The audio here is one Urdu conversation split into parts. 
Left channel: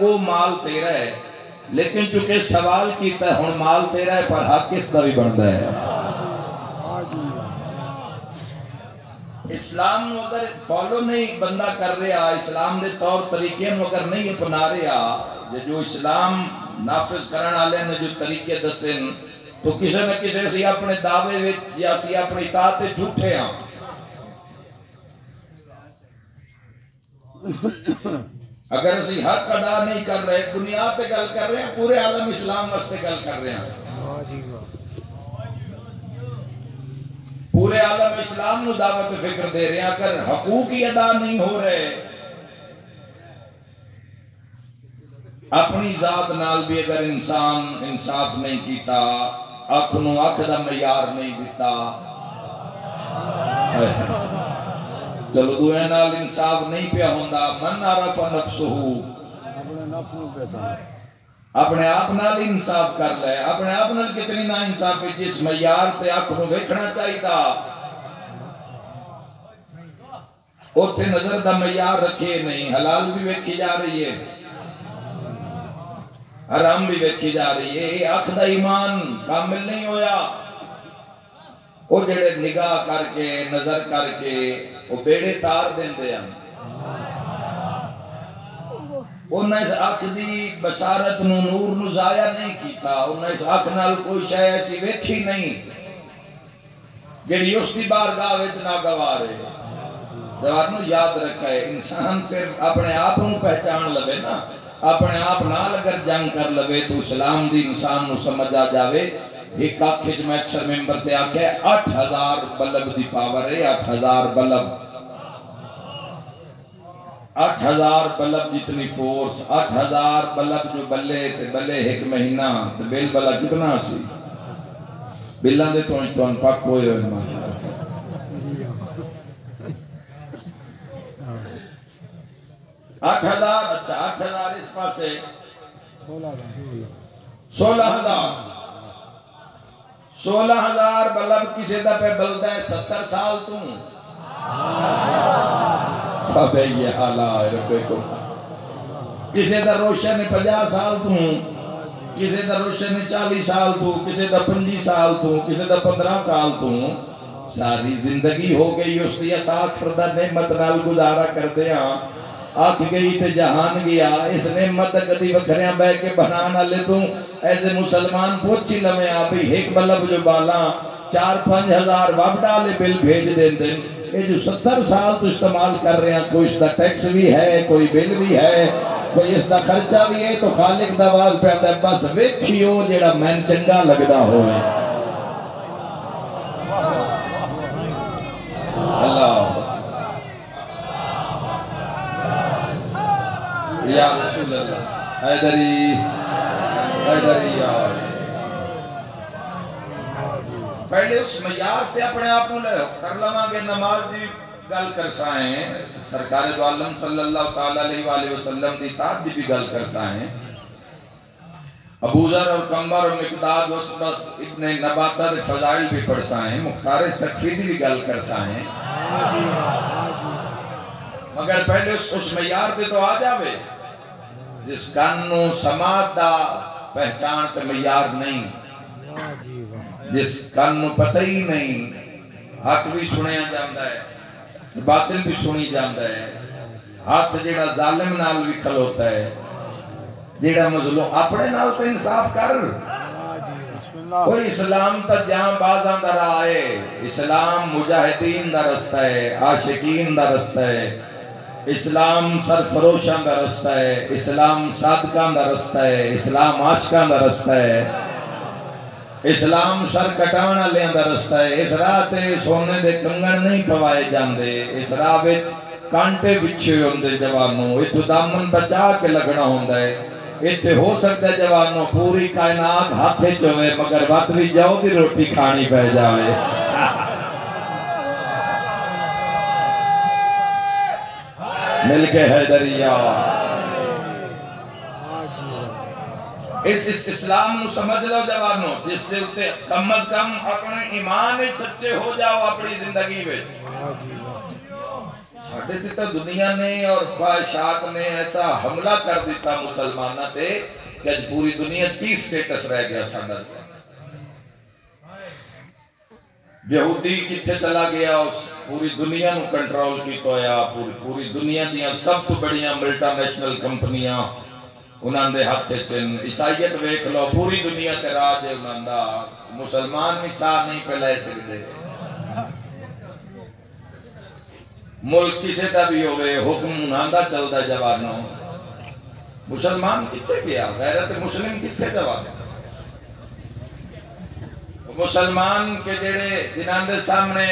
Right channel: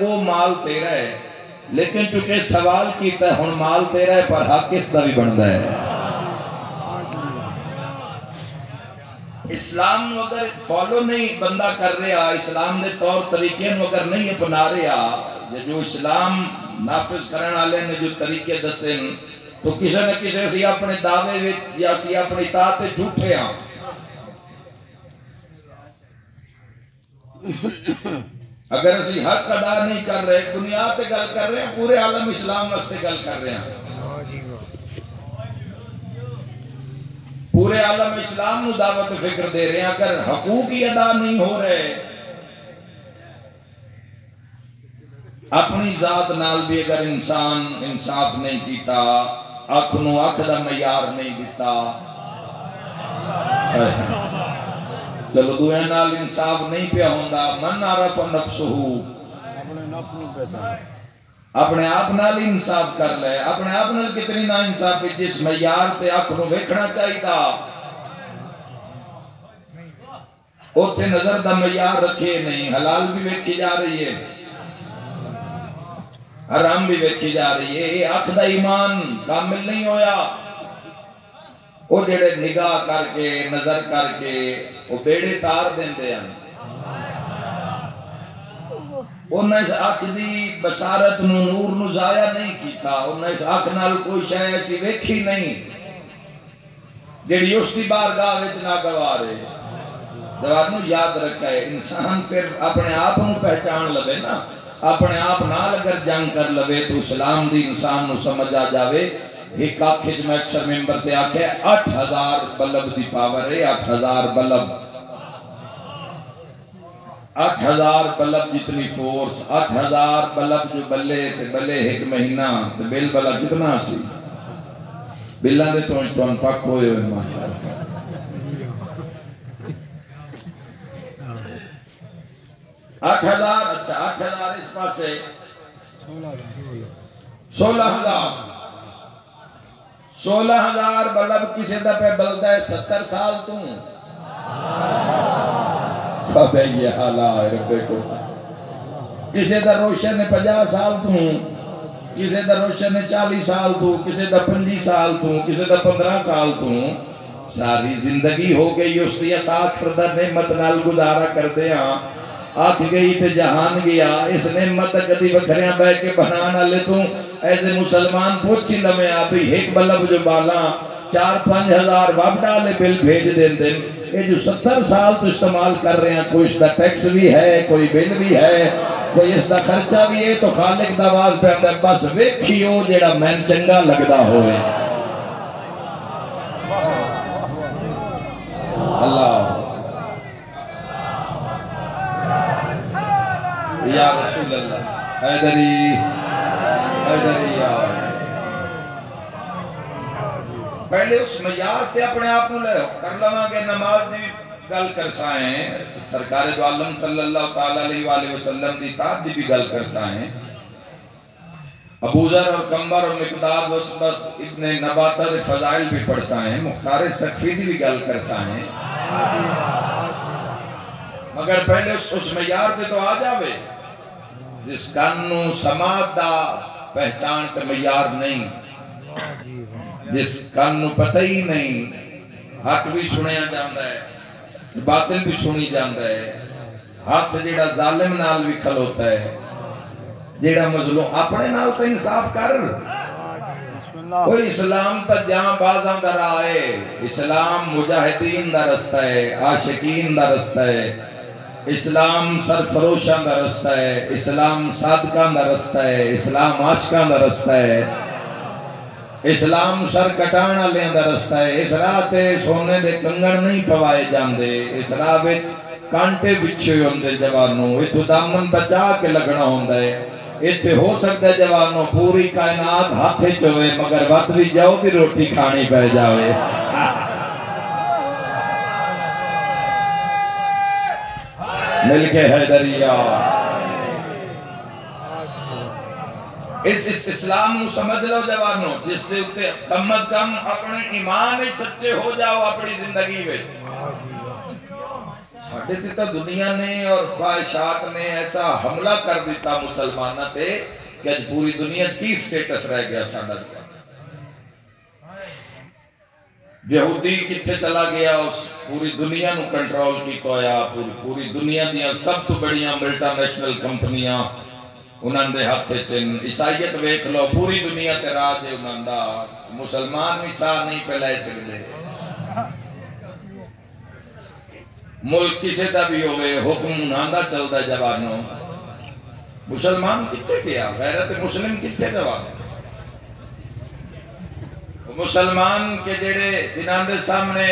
وہ مال تیرا ہے لیکن چونکہ سوال کیتا ہے ہن مال تیرا ہے پر حق کس دا بھی بندا ہے. اسلام نو اگر فالو نہیں بندہ کر رہا اسلام دے طور طریقے نو اگر نہیں اپنا رہا جو اسلام نافذ کرنے والے نے جو طریقے دسے تو کسی نہ کسی اسی اپنے دعوے وچ یا اسی اپنی اطاعت تے جھوٹے ہاں. اگر اسی حق ادا نہیں کر رہے بنیاد تے گل کر رہے ہیں پورے عالم اسلام واسطے گل کر رہے ہیں پورے عالم اسلام نو دعوت فکر دے رہے ہیں اگر حقوق ہی ادا نہیں ہو رہے اپنی ذات نال بھی اگر انسان انصاف نہیں کیتا اکھ نو اکھ دا معیار نہیں دیتا چلو دوئے نال انصاف نہیں پیا ہوندا من عرف نفسہو اپنے آپ نال انصاف کر لے اپنے آپ نال کتنی نا انصاف جس معیار تے اکھ نو ویکھنا چاہیدا اوتھے نظر دا معیار رکھے نہیں حلال بھی ویکھی جا رہی ہے حرام بھی ویکھی جا رہی ہے یہ اکھ دا ایمان کامل نہیں ہویا وہ جڑے نگاہ کر کے نظر کر کے وہ بیڑے تار دیندے ہیں انہیں اس اکھ دی بصارت نو نور نو ضائع نہیں کیتا انہیں اس اکھ نال کوئی شے ایسی ویکھی نہیں جڑی اس دی بارگاہ وچ ناگوار ہے. دوانو یاد رکھے انسان صرف اپنے آپ کو پہچان لوے نا اپنے آپ نال اگر جنگ کر لوے تو اسلام دی انسان نو سمجھ آ جاوے. ایک آنکھ میں اکثر ممبر تے آکھے 8000 بلب دی پاور ہے 8000 بلب 8000 بلب جتنی فورس 8000 بلب جو بلے تے بلے ایک مہینہ تے بل بلا کتنا سی بلان دے تو پاک ہوئے ہوئے ماشاءاللہ 8000 اچھا 8000 اس پاس سے 16,000 بلب کسی دا پہ بلدہ ہے 70 سال تم فبئی حالہ ربے کو کسی دا روشن 50 سال تم کسی دا روشن 40 سال تو کسی دا 25 سال تو کسی دا 15 سال تو ساری زندگی ہو گئی اس دیا تاک فردہ نعمت نال گزارا کر دیا آکھ گئی تے جہان گیا اس نعمت کدی وکھریاں بے کے بنانا لے تو ایسے مسلمان پوچھی لمیں آبی ایک بلب جو بالا 4-5 ہزار واب ڈالے بل بھیج دیں دیں یہ جو 70 سال تو استعمال کر رہے ہیں کوئی اس دا ٹیکس بھی ہے کوئی بل بھی ہے کوئی اس دا خرچہ بھی ہے تو خالق دواز پہ اندر بس ویکھیو جیڑا مین چنگا لگدا ہوئے اللہ یا رسول اللہ حیدری یا پہلے اس معیار تے اپنے آپ کو لے کر لواں گے نماز دی گل کر سائیں سرکار دو عالم صلی اللہ علیہ وآلہ وسلم دی اطاعت دی بھی گل کر سائیں ابو ذر اور کمبر اور مقداد وسبت ابن نباتہ دے فضائل بھی پڑھ سائیں مختار سقفی دی بھی گل کر سائیں مگر پہلے اس معیار پہ تو آ جاوے جس کانو سماعت دا پہچان پہ معیار نہیں جس کانو پتہ ہی نہیں حق بھی سنیا جاندہ ہے باطل بھی سنی جاندہ ہے ہاتھ جیڑا ظالم نال بھی کھلوتا ہے جیڑا مظلوم اپنے نال تو انصاف کر کوئی اسلام تا جہاں بازاں دا رائے اسلام مجاہدین دا رستہ ہے عاشقین دا رستہ ہے اسلام سرفروشان دا رستہ ہے اسلام صادقان دا رستہ ہے اسلام عاشقان دا رستہ ہے اسلام سر کٹانا لیں دا رستہ ہے اس راہ تے سونے دے کنگن نہیں پوائے جاندے اس راہ وچ کانٹے بچھے ہوندے جوانوں اتھو دامن بچا کے لگنا ہوندہ ہے اتھے ہو سکتا ہے جوانوں پوری کائنات ہاتھے چوئے مگر وقت بھی جاؤ دی روٹی کھانی پہ جاوے مل کے حیدریہ اس اسلام نو سمجھ لو جوانوں جس دے اتے کم از کم اپنے ایمان سچے ہو جاؤ اپنی زندگی میں ساڈے تے تو دنیا نے اور خواہشات نے ایسا حملہ کر دیتا مسلمانوں تے کہ اج پوری دنیا کی سٹیٹس رہ گیا ساڈا یہودی کتھے چلا گیا اس پوری دنیا نو کنٹرول کیتا ہویا پوری دنیا دیاں سب تو بڑیاں ملٹا نیشنل کمپنیاں انہاں دے ہاتھ چن عیسائیت ویکھ لو پوری دنیا تے راج ہے انہاں دا مسلمان بھی ساہ نہیں پہ لے سکتے ملک کسے دا بھی ہوئے حکم آندہ چلتا جوانوں مسلمان کتے گیا غیرت مسلم کتے جوان مسلمان کے جڑے جنہاں دے سامنے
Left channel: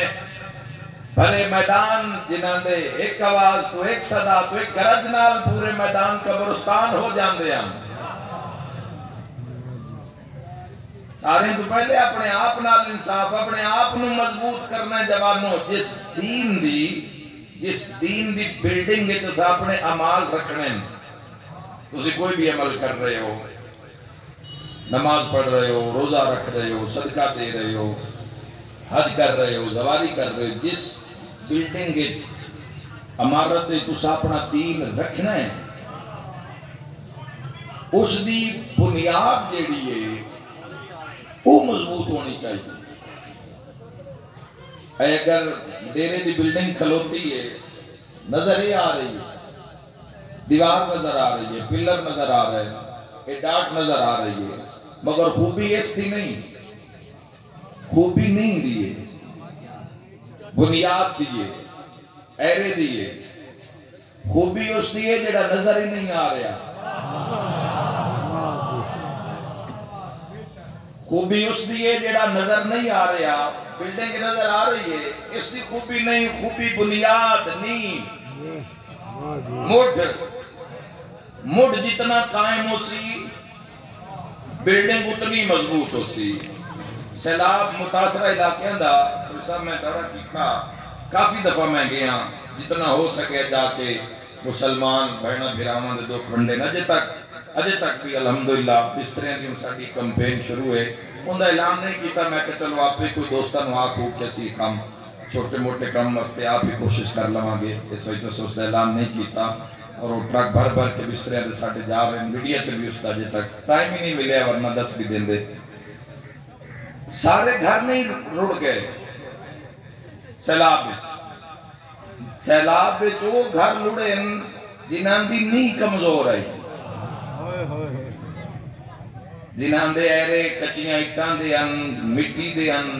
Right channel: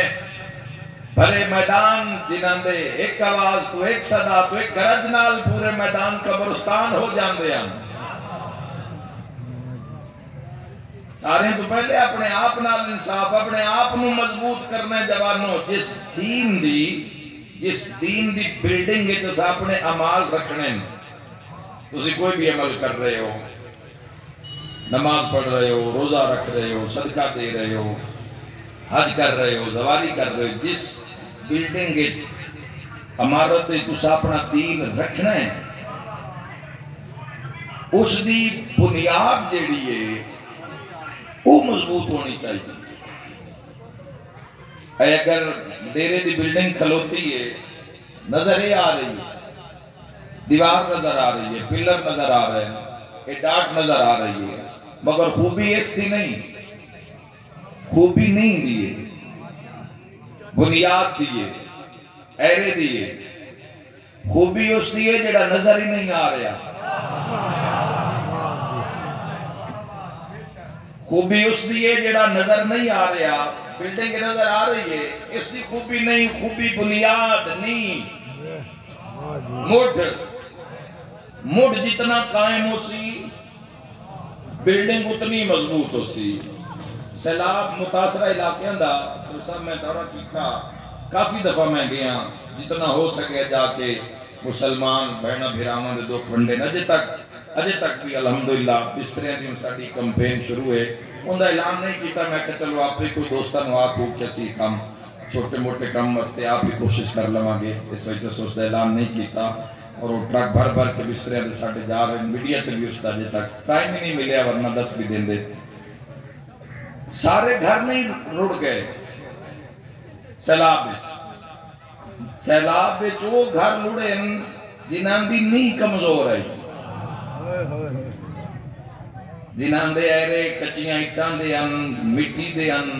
بھلے میدان جنہاں دے ایک آواز تو ایک صدا تو ایک گرج نال پورے میدان قبرستان ہو جاندے ہیں سارے تو پہلے اپنے آپ نال انصاف اپنے آپ نو مضبوط کرنا جوانوں جس دین دی بلڈنگ ہے جس اپنے عمال رکھنے تسی کوئی بھی عمل کر رہے ہو نماز پڑھ رہے ہو روزہ رکھ رہے ہو صدقہ دے رہے ہو حج کر رہے ہو زواری کر رہے ہو جس بلڈنگ عمارت تسی اپنا دین رکھنا ہے اس دی بنیاد جیڑی ہے وہ مضبوط ہونی چاہیے اگر ڈیرے دی بلڈنگ کھلوتی ہے نظر یہ آ رہی ہے دیوار نظر آ رہی ہے پلر نظر آ رہے ہیں ڈاٹ نظر آ رہی ہے مگر خوبی اس دی نہیں خوبی نہیں دیئے بنیاد دیئے ایرے دیئے خوبی اس دیئے جڑا نظر ہی نہیں آ رہا خوبی اس دیئے جڑا نظر نہیں آ رہا بلڈنگ نظر آ رہی ہے اس دی خوبی نہیں خوبی بنیاد نہیں مڈ جتنا قائم ہو سی بلڈنگ اتنی مضبوط ہو سی سیلاب متاثرہ علاقے دا سرسا میں دورہ کیتا کافی دفعہ میں گیا جتنا ہو سکے جا کے مسلمان بہنا بھیرامان دے دو کھنڈے اجے تک بھی الحمدللہ اس طرح دی ساڈی کمپین شروع ہے ان دا اعلان نہیں کیتا میں کہ چلو آپ کوئی دوستاں نو آکھو کسی کام چھوٹے موٹے کام واسطے آپ ہی کوشش کر لواں گے اس وجہ سے اس دا اعلان نہیں کیتا اور وہ ٹرک بھر کے بھی اس طرح دے ساڈے جا رہے ہیں میڈیا تے بھی اس دا اجے تک ٹائم ہی نہیں ملیا ورنہ 10 بھی دین دے سارے گھر نہیں رڑ گئے سیلاب وچ وہ گھر لڑے جنہاں دی نیہ کمزور آئی جنہاں دے ایرے کچیاں اٹھاں دے ان مٹی دے ان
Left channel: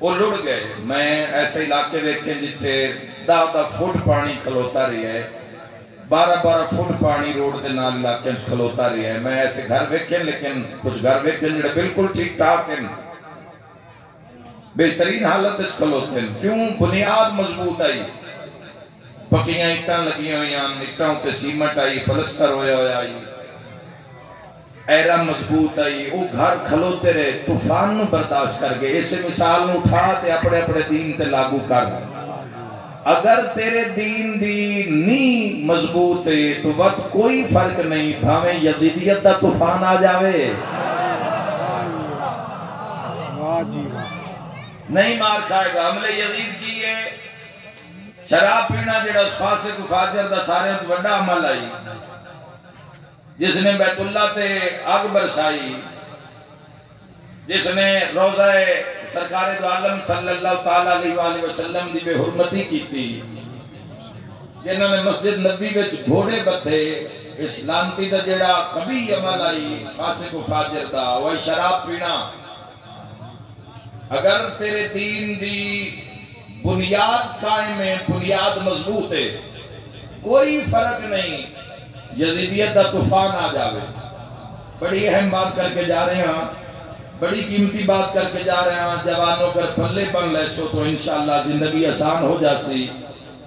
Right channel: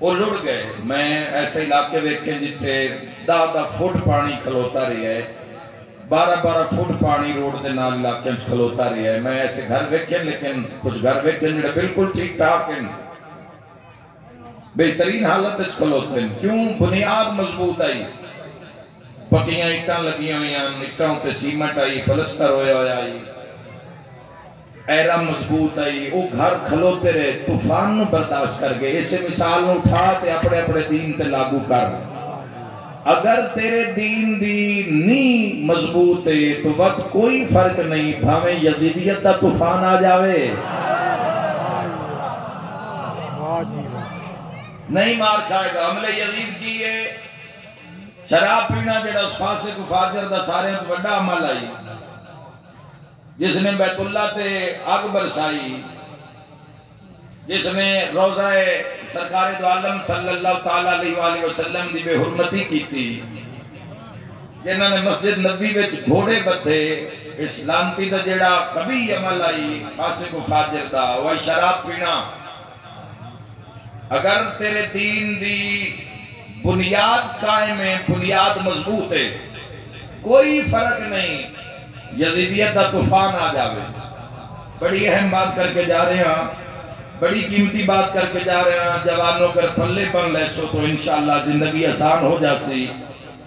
وہ لڑ گئے میں ایسے علاقے ویکھے جتھے 10 فٹ پانی کھلوتا رہی ہے 12 فٹ پانی روڈ دے نال علاقے کھلوتا رہی ہے میں ایسے گھر ویکھے لیکن کچھ گھر ویکھے جڑے بالکل ٹھیک ٹھاک ہیں بہترین حالت کھلوتے ہیں کیوں بنیاد مضبوط آئی پکیاں اٹھاں لگیاں ہوئی ہیں اٹھاں تے سیمنٹ آئی پلستر ہویا آئی ایرا مضبوط آئی وہ گھر کھلوتے رہے طوفان نو برداشت کر گئے اسے مثال نو اٹھا تے اپنے دین تے لاگو کر اگر تیرے دین دی نی مضبوط ہے تو وقت کوئی فرق نہیں بھاویں یزیدیت دا طوفان آ جاوے نہیں مار کھائے گا عمل یزید کی ہے شراب پینا جڑا اس فاسق و فاجر دا سارے تو بڑا عمل آئی جس نے بیت اللہ تے آگ برسائی جس نے روزہ سرکار دو عالم صلی اللہ تعالیٰ علیہ وآلہ وسلم دی بے حرمتی کی تھی جنہوں نے مسجد نبی وچ گھوڑے بدھے اس لانتی دا جڑا کبھی عمل آئی فاسق و فاجر دا وہ شراب پینا اگر تیرے دین دی بنیاد قائم ہے بنیاد مضبوط ہے کوئی فرق نہیں یزیدیت دا طوفان آ جاوے بڑی اہم بات کر کے جا رہے ہیں بڑی قیمتی بات کر کے جا رہے ہیں جوانوں کر پلے پن لے سو تو انشاءاللہ زندگی آسان ہو جاسی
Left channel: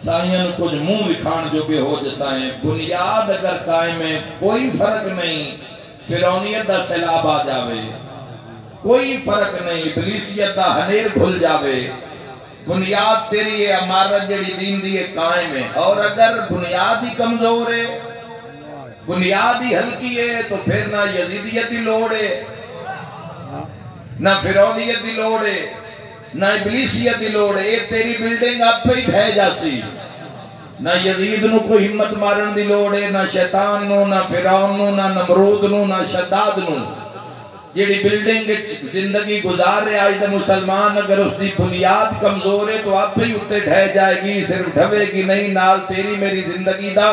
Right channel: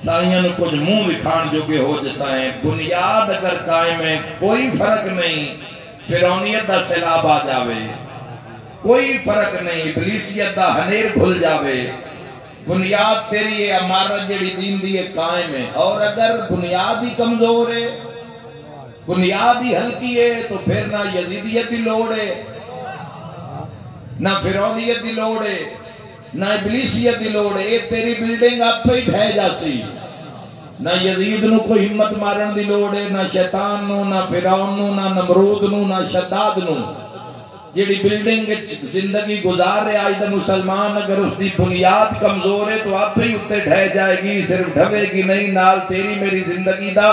سائیں کچھ منہ وکھان جو کہ ہو جسائیں بنیاد اگر قائم ہے کوئی فرق نہیں فرعونیت دا سیلاب آ جاوے کوئی فرق نہیں ابلیسیت دا ہنیر کھل جاوے بنیاد تیری ہے عمارت جڑی دین دی قائم ہے اور اگر بنیاد ہی کمزور ہے بنیاد ہی ہلکی ہے تو پھر نہ یزیدیت دی لوڑ ہے نہ فرعونیت دی لوڑ ہے نہ ابلیسیت دی لوڑ ہے یہ تیری بلڈنگ آپ پہ ہی ڈھے جاسی نہ یزید نو کوئی ہمت مارن دی لوڑ ہے، نہ شیطان نو، نہ فرعون نو، نہ نمرود نو، نہ شداد نو۔ جیڑی بلڈنگ زندگی گزار رہے آج دا مسلمان اگر اس دی بنیاد کمزور ہے تو آپ ہی اتے ڈھے جائے گی، صرف ڈھوے گی نہیں، نال تیری میری زندگی دا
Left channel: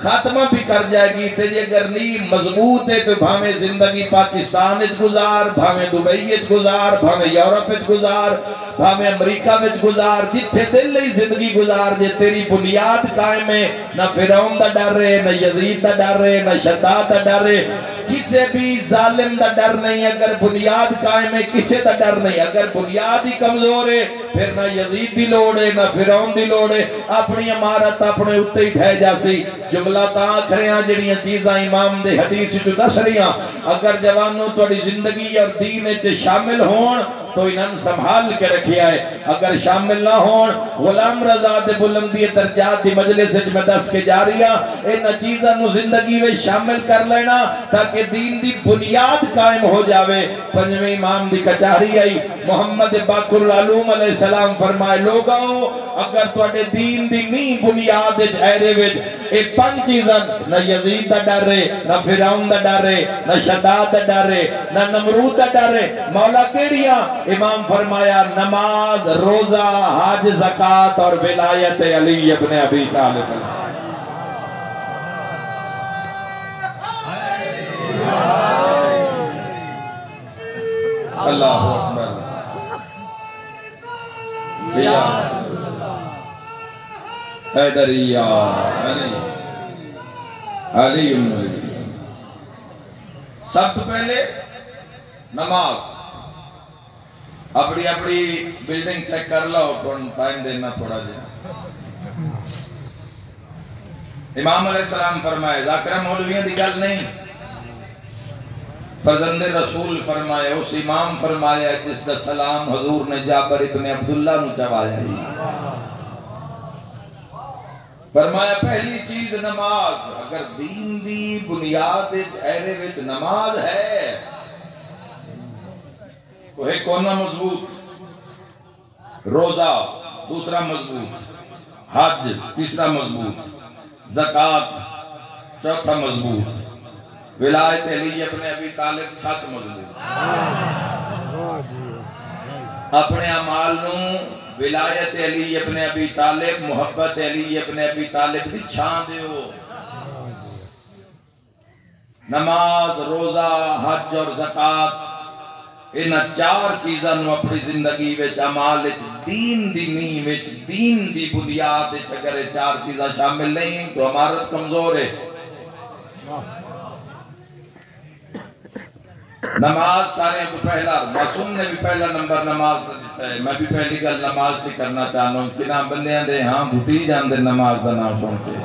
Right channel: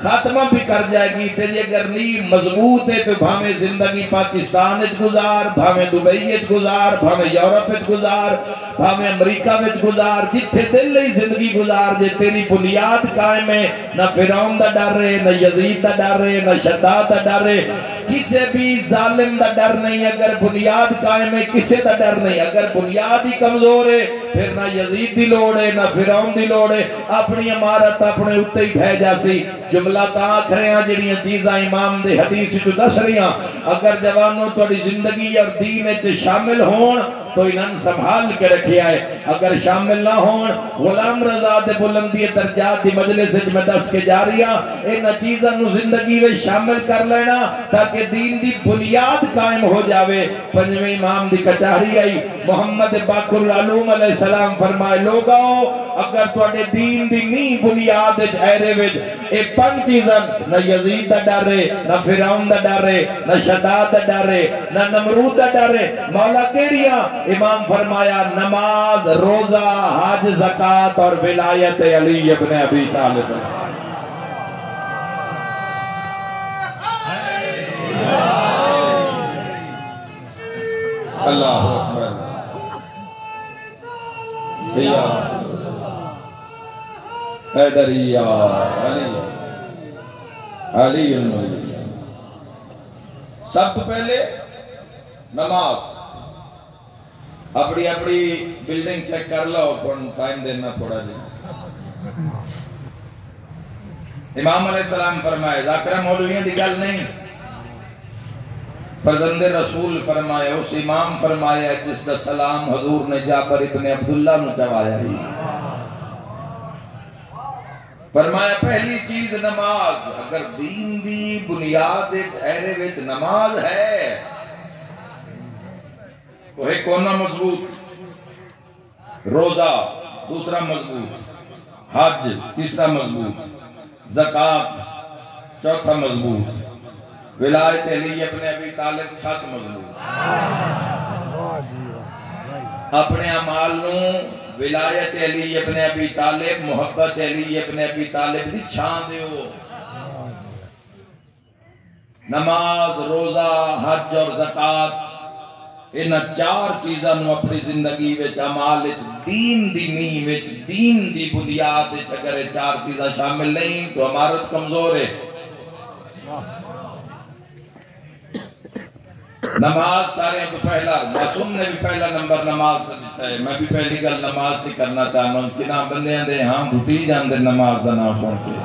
خاتمہ بھی کر جائے گی۔ تیری اگر نہیں مضبوط ہے تو بھامے زندگی پاکستان اچ گزار، بھامے دبئی اچ گزار، بھامے یورپ اچ گزار، بھامے امریکہ میں گزار، جتھے دل لئی زندگی گزار جے تیری بنیاد قائم ہے، نہ فرعون دا ڈر ہے، نہ یزید دا ڈر ہے، نہ شداد دا ڈر ہے، کسے بھی ظالم دا ڈر نہیں۔ اگر بنیاد قائم ہے کسے دا ڈر نہیں۔ اگر بنیاد ہی کمزور ہے پھر نہ یزید دی لوڑ ہے، نہ فرعون دی لوڑ ہے، اپنی عمارت اپنے اتے ہی ڈھے جاسی۔ جملہ تا آکھریاں جڑیاں چیزاں امام دے حدیث تو دس رہیاں، اگر جوانوں توڑی زندگی اور دین اچ شامل ہون تو انہاں سنبھال کے رکھیا ہے، اگر شامل نہ ہون غلام رضا دے بلندی درجات دی مجلس اچ میں دس کے جاریاں ان چیزاں نو زندگی میں شامل کر لینا تاکہ دین دی بنیاد قائم ہو جاوے۔ پنجویں امام دی کچہری آئی، محمد باقر العلوم علیہ السلام فرمائے لوگاؤ اگر توڑے دین دی نی بنیاد جھائرے وچ ایک پنج چیزاں، نہ یزید دا ڈر ہے، نہ فرعون دا ڈر ہے، نہ شداد دا ڈر ہے، نہ نمرود دا ڈر ہے، مولا کیڑیاں؟ امام فرمایا نماز، روزہ، حج، زکاة اور ولایت علی ابن ابی طالب۔ اللہ اکبر۔ یا حیدریہ علی علی علی۔ سب تو پہلے نماز۔ اپنی اپنی بلڈنگ چیک کر لو، ٹائم دینا تھوڑا جی۔ امام علیہ السلام فرمائے ذاکرہ مولویوں دی گل نہیں، فرزند رسول فرمائے، اس امام فرمایا جس کا سلام حضور نے جابر ابن عبداللہ نو چوایا ہی۔ فرمایا پہلی چیز نماز۔ اگر دین دی بنیاد چہرے وچ نماز ہے تو ایک کونا مضبوط، روزہ دوسرا مضبوط، حج تیسرا مضبوط، زکاة چوتھا مضبوط، ولایت علی ابن ابی طالب چھت مضبوط۔ اپنے اعمال نو ولایت علی ابن ابی طالب، محبت علی ابن ابی طالب دی چھان دیو۔ نماز، روزہ، حج اور زکاة ان چار چیزاں نو اپنی زندگی وچ عمال وچ دین دی نیو وچ دین دی بنیاد وچ اگر چار چیزاں شامل نہیں تو عمارت کمزور ہے۔ نماز سارے تو پہلا، معصوم نے بھی پہلا نمبر نماز دا دیتا ہے۔ میں بھی پہلی گل نماز کی کرنا چاہنا ہوں کہ نام بندیاں دے ہاں بھٹی جان دے نماز دا نام سن کے،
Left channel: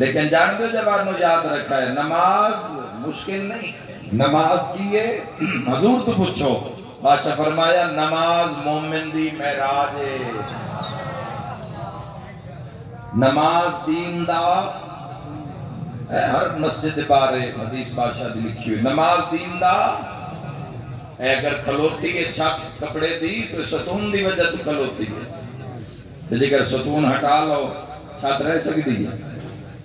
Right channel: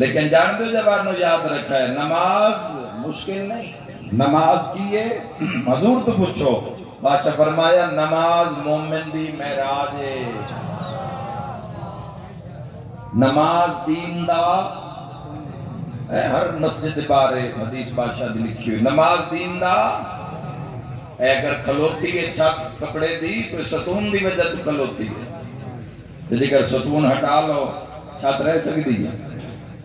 لیکن جان دے جوانوں یاد رکھا ہے نماز مشکل نہیں۔ نماز کیے حضور تو پوچھو، بادشاہ فرمایا نماز مومن دی معراج ہے۔ نماز دین دا ہر مسجد بارے حدیث بادشاہ دی لکھی ہوئی، نماز دین دا اگر کھلوتی ہے چھت کپڑے دی تو ستون دی وجہ تو کھلوتی ہے، اگر ستون ہٹا لو چھت رہ سکتی ہے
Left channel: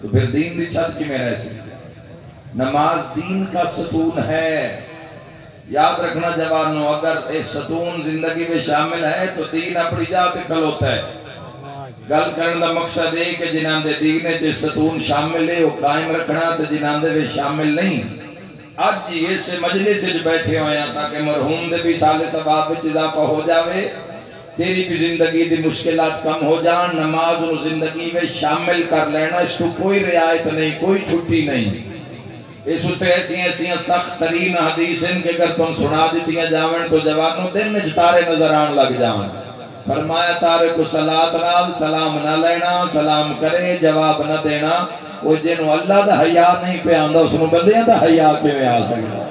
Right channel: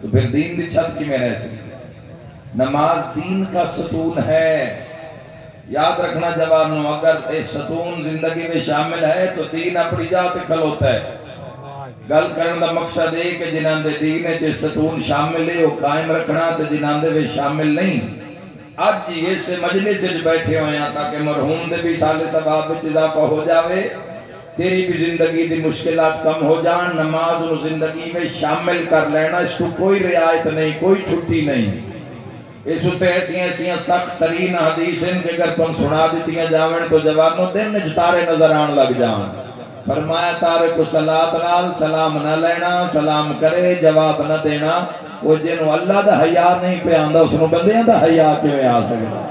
تو پھر دین بھی چھت کی میں رہ سکتی ہے۔ نماز دین کا ستون ہے۔ یاد رکھنا جوانوں، اگر ایک ستون زندگی میں شامل ہے تو دین اپنی جات کھلوتا ہے۔ گل کرنے کا مقصد ہے کہ جنہاں دے دین ہے ستون شامل ہے وہ قائم رکھنا، تو جنہاں دے بھی شامل نہیں۔ آج جی اس مجلس سے بیٹھے ہوئے ہیں تاکہ مرحوم دے بھی سال ثواب وچ اضافہ ہو جاوے، تیری بھی زندگی دی مشکلات کم ہو جان۔ نماز و زندگی میں شامل کر لینا، اس کو کوئی رعایت نہیں، کوئی چھٹی نہیں۔ اس اتے ایسی سخت ترین حدیث ان کے اگر تم سنا دیتیاں جاون تو جوانوں دن میں تارے نظر آن لگ جان۔ فرمایا تارے کو صلاۃ نال سلام نہ لینا، سلام کرے جواب نہ دینا، وہ جنہوں اللہ دا حیا نہیں پہ آندا اس نو بندیاں دا حیا کیویں آ سکدا؟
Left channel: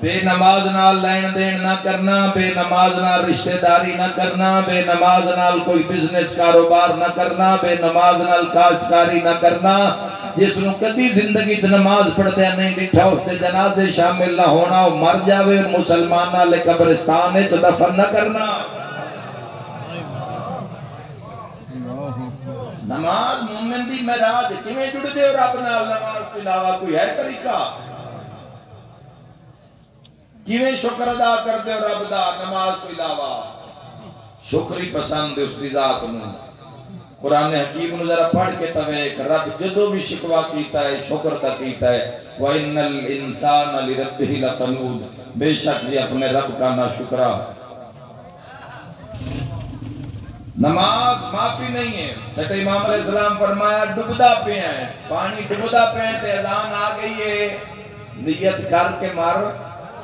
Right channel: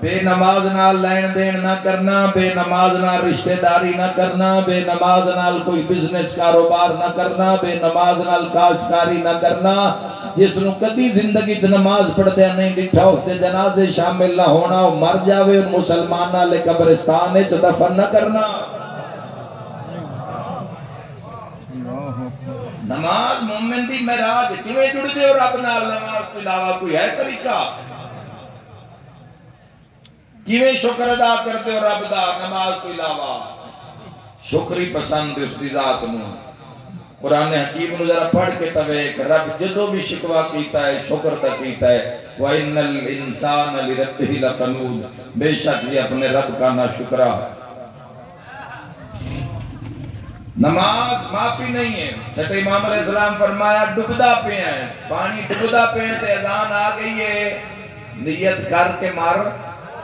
بے نماز نال لین دین نہ کرنا، بے نماز نال رشتہ داری نہ کرنا، بے نماز نال کوئی بزنس کاروبار نہ کرنا، بے نماز نال کاشتکاری نہ کرنا۔ جس نو کدی زندگی چ نماز پڑھدیا نہیں ڈٹھا اس دے جنازے شامل نہ ہونا، وہ مر جاوے مسلمان نال قبرستان وچ دفن نہ کرنا۔ نماز مومن دی معراج کیویں جڑ دے ہو رب نال نماز تو علاوہ کوئی ہے طریقہ کیویں شکر ادا کرتے ہو رب دا نماز تو علاوہ شکری پسند اس دی ذات نو قرآن حکیم نو ذرا پڑھ کے تویک رب جدو بھی شکوا کیتا ہے شکر تا کیتا ہے وَإِنَّ الْإِنسَانَ لِرَبِّهِ لَقَنُودٌ بے شک یہ اپنے رب کا ناشکرا نماز معافی نہیں ہے سٹ امام علیہ السلام فرمایا ڈبدا پہ ہیں پانی ڈبدا پہ ہیں تے اذان آ گئی ہے نیت کر کے مار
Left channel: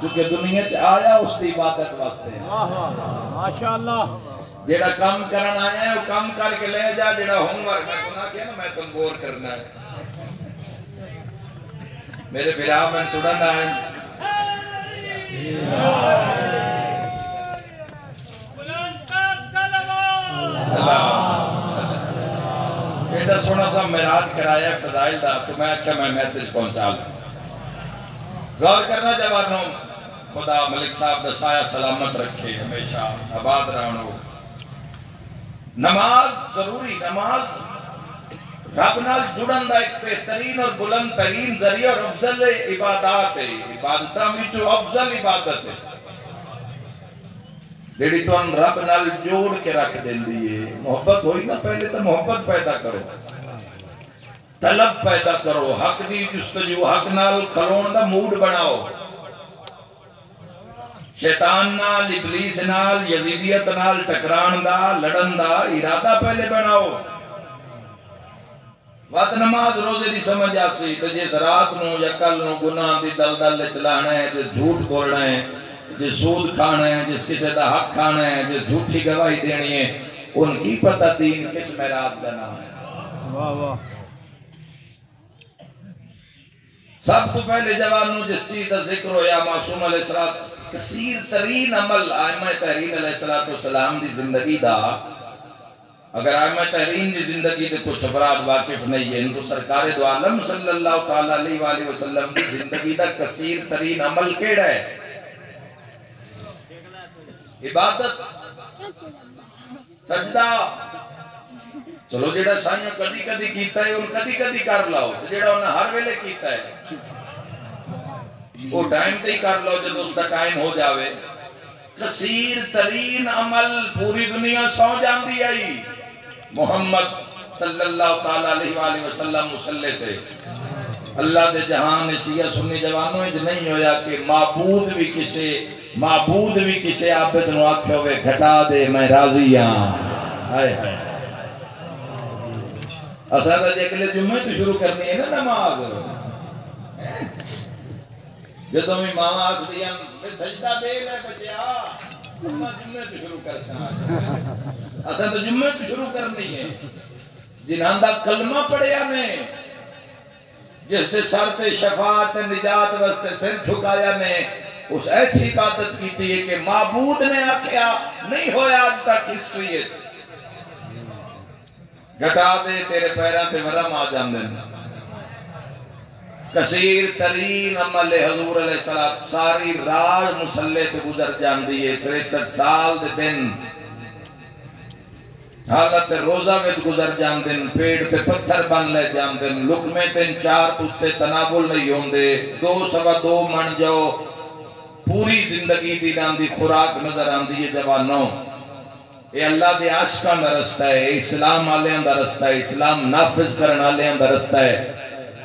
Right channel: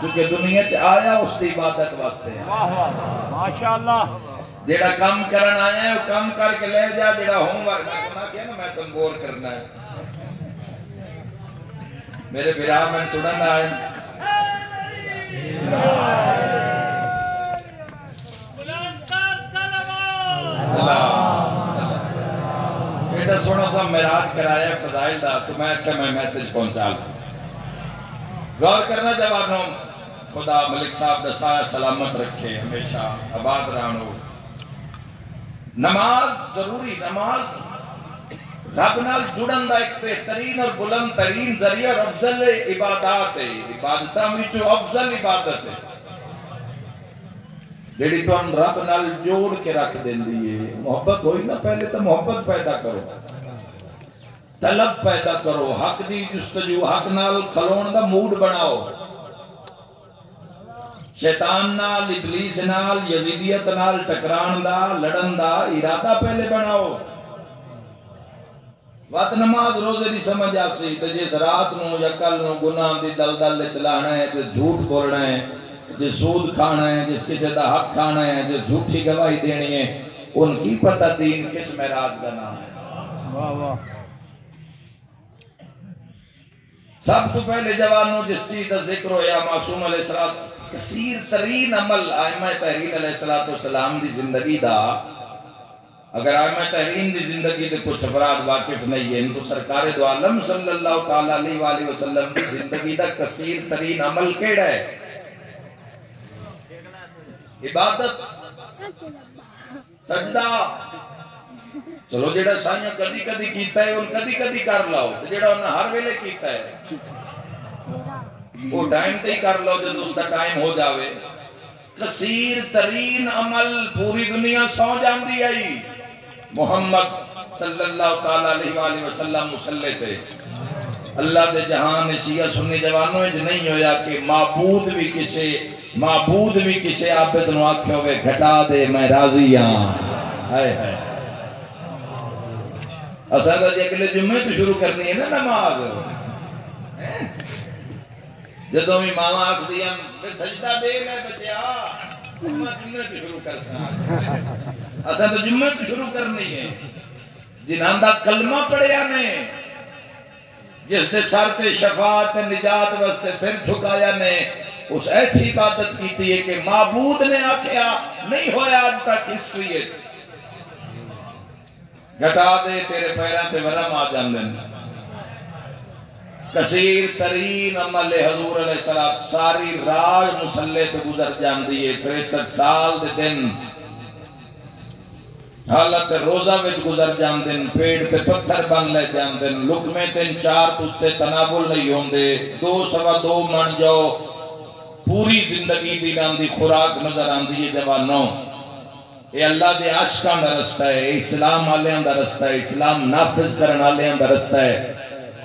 چونکہ دنیا چ آیا اس دی عبادت واسطے ماشاءاللہ جیڑا کام کرن آیا ہے وہ کام کر کے لے جا جیڑا ہوم ورک کرنا کیا نا میں تم غور کرنا ہے میرے برا من سنن آئے بیٹا سونا سا معراج کرایا فضائل دا تو میں کہ میں میسج پہنچا لوں غور کرنا جوانوں خدا ملک صاحب دا سایہ سلامت رکھے ہمیشہ آباد رہنو نماز ضروری نماز رب نال جڑن دا ایک بہترین اور بلند ترین ذریعہ اور افضل عبادات ہے عبادتہ میں جو افضل عبادت ہے جیڑی تو ہم رب نال جوڑ کے رکھ دیں دیئے محبت ہوئی نا پہلے تو محبت پیدا کرو طلب پیدا کرو حق دی جستجو حق نال کھلون دا موڈ بناؤ شیطان نال ابلیس نال یزیدیت نال ٹکران دا لڑن دا ارادہ پہلے بناؤ وقت نماز روزے دی سمجھ آسی تو جس رات نو یا کل نو گناہ دی دل چلانا ہے جس جھوٹ بولنا ہے جس سود کھانا ہے جس کسی دا حق کھانا ہے جس جھوٹی گواہی دینی ہے ان کی پتہ دین کس معراج کا نام ہے واہ واہ سب تو پہلے جوانوں جس چیز کا ذکر ہو یا معصوم علیہ السلام کثیر ترین عمل آئمہ تحریر علیہ السلام دی زندگی دا اگر آئمہ تحرین دی زندگی دے کچھ افراد واقف نہیں ہیں تو سرکار دو عالم صلی اللہ تعالیٰ علیہ وآلہ وسلم دی زندگی دا کثیر ترین عمل کیڑا ہے عبادت سجدہ چلو جیڑا سائیاں کدی کدی کیتا ہے ان کدی کدی کر لاؤ جیڑا انہیں ہر ویلے کیتا ہے وہ ٹائم تے ہی کر لاؤ جب اس کا ٹائم ہو جاوے کثیر ترین عمل پوری دنیا سو جان دی آئی محمد صلی اللہ تعالیٰ علیہ وآلہ وسلم مسلح تھے اللہ دے جہان شیعہ سنی جوانوں اج نہیں ہویا کہ معبود بھی کسے عابد نو آکھے ہوئے گھٹا دے میں راضی ہاں ہائے ہائے اسادہ جے کے لئے جمعے تو شروع کرنی ہے نا نماز جدوں میں ماما آکھ دیا سجدہ دے میں بچیا جمعے تو شروع کر سکتا اسادہ جمعے تو شروع کرنی ہے جنہاں دا کلمہ پڑھیا نے جس نے سر تے شفاعت نجات واسطے سر جھکایا نے اس ایسی عبادت کی تھی کہ معبود نے آکھیا نہیں ہویا آج تک ہسٹری گھٹا دے تیرے پیران تے ورم آ جاندے کثیر ترین عمل حضور علیہ السلام ساری رات مسلح تے گزر جاندی ہے 63 سال دے دن حالت روزہ وچ گزر جاندن پیڑ تے پتھر بن لے جاندن لقمے تین چار تے تناول نہیں ہوندے 2.25 من جاؤ پوری زندگی دی نام دی خوراک نظر آندی ہے جوانوں یہ اللہ دے عاشقاں دا رستہ ہے اسلام والیاں دا رستہ ہے اسلام نافذ کرن والیاں دا رستہ ہے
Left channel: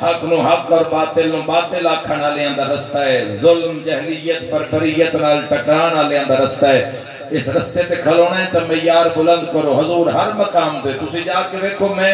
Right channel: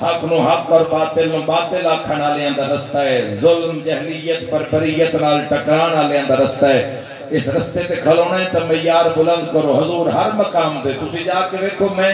حق نو حق اور باطل نو باطل آکھن والیاں دا رستہ ہے ظلم جہلیت بربریت نال ٹکران والیاں دا رستہ ہے اس رستے پہ کھلونا ہے تو معیار بلند کرو حضور ہر مقام پہ تسی جا کے دیکھو میں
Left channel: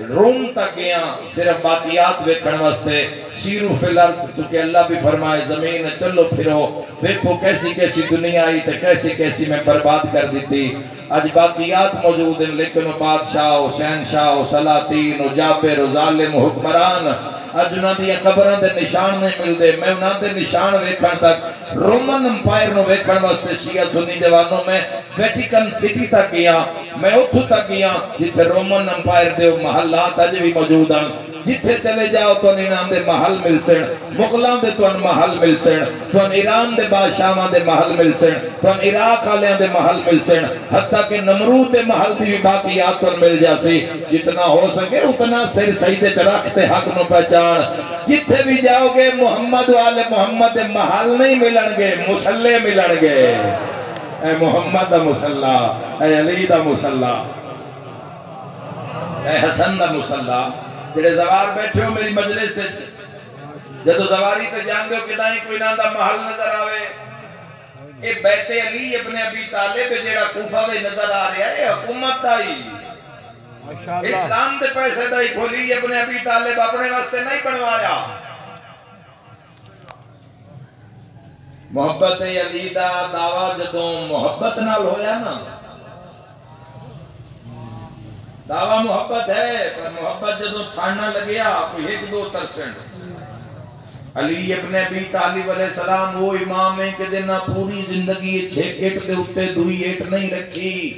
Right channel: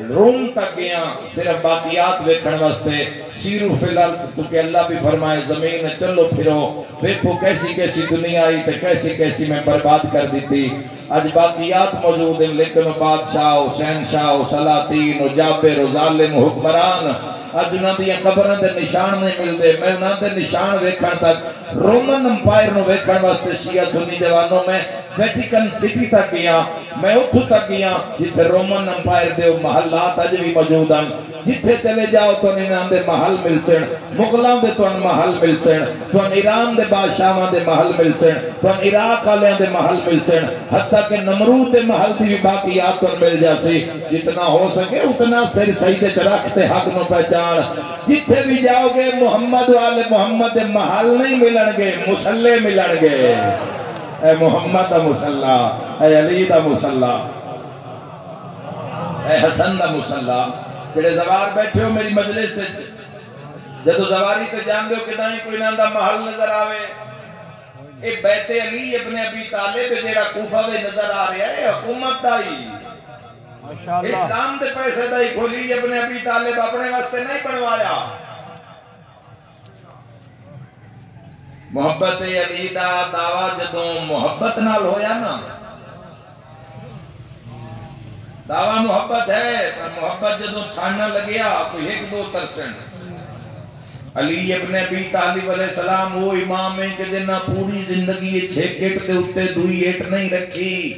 روم تک گیا صرف باقیات ویکھن واسطے سیرو فی الارض کیونکہ اللہ بھی فرمائے زمین چلو پھرو دیکھو کیسی کیسی دنیا آئی تو کیسی کیسی میں برباد کر دیتی آج باقیات موجود ہیں لیکن بادشاہ شہنشاہ سلاطین جابر ظالم حکمران آج انہاں دیا قبران دے نشان نہیں مل دے میں انہاں دے نشان ویکھن تک رومن امپائر نو ویکھن واسطے شیعہ سنی دیوانوں میں ویٹیکن سٹی تک گیا میں اتھو تک گیا جتے رومن امپائر دے محلات آج بھی موجود ہیں جتے چلے جاؤ تو انہاں دے محل مل سن مغلان دے تو ان محل مل سن تو ان ایران دے بادشاہاں دے محل مل سن تو ان عراق آلیاں دے محل مل سن حتی سکتا کہ نمرود محل دی باقیات پر مل جاسی جتنا ہو سکے اتنا سر سجدے تے رکھتے حق نو پہچان جتھے بھی جاؤ گے محمد والے محمد محل نہیں ملن گے مسلے ملن گے اے محمد دا مسلہ اے علی دا مسلہ اے حسن دا مسلہ جڑے زوار بیٹھے ہو میری مجلس سے جدو زواری تے جان دے ہو کہ دائیں کوئی نام دا محل نظر آوے اے بیت علی ابن ابی طالب جیڑا کوفہ میں نظر آ رہا ہے حکومت دائی اسلام دے پیسے دائی کھولی ابن ابی طالب اپنے واسطے نہیں بنوایا محبت علی دا دعویٰ جدوں محبت نال ہویا نا دعویٰ محبت ہے پر محبت جدوں چھاڑنا لگیا کوئی 1-2% علی ابن ابی طالب علیہ السلام وہ امام ہے کہ جنہ پوری زندگی چھیک ایٹ دے اتے دوئی ایٹ نہیں رکھی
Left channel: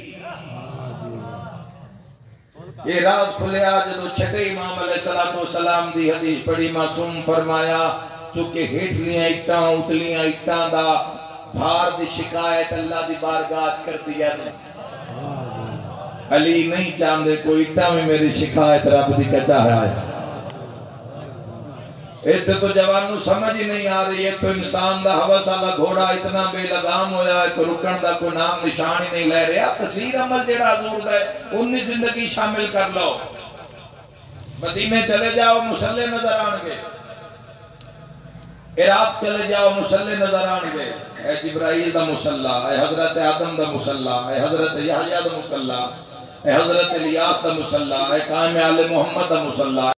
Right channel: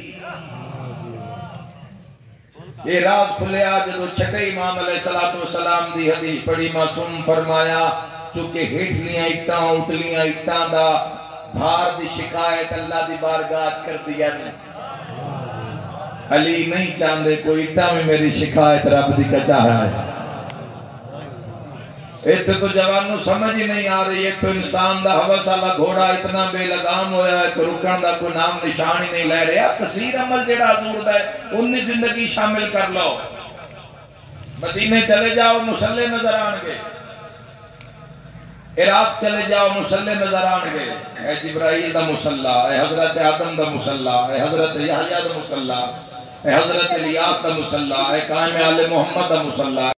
یہ راز کھلے آج جو چھٹے امام علیہ السلام دی حدیث پڑھی معصوم فرمایا چونکہ ہیٹ لیاں اٹھاں اتلیاں اٹھاں دا بھار دی شکایت اللہ دی بارگاہ کر دیا علی نہیں چاندے کوئی اٹھاں میں میری شکایت رب دی کا چاہ رہا ہے ایتھے تو جوانوں سمجھ ہی نہیں آ رہی ہے تو انسان دا حوث والا گھوڑا اتنا بے لگام ہویا ہے کہ رکن دا کوئی نام نشان ہی نہیں لے رہا کثیر عمل جڑا حضور دا ہے انہی زندگی شامل کر لو مدینے چلے جاؤ مسلح نظر آنگے عراق چلے جاؤ مسلح نظر آنگے اے جبرائیل دا مسلح اے حضرت آدم دا مسلح اے حضرت یحییٰ دا مسلح اے حضرت الیاس دا مسلح اے قائم آل محمد دا مسلح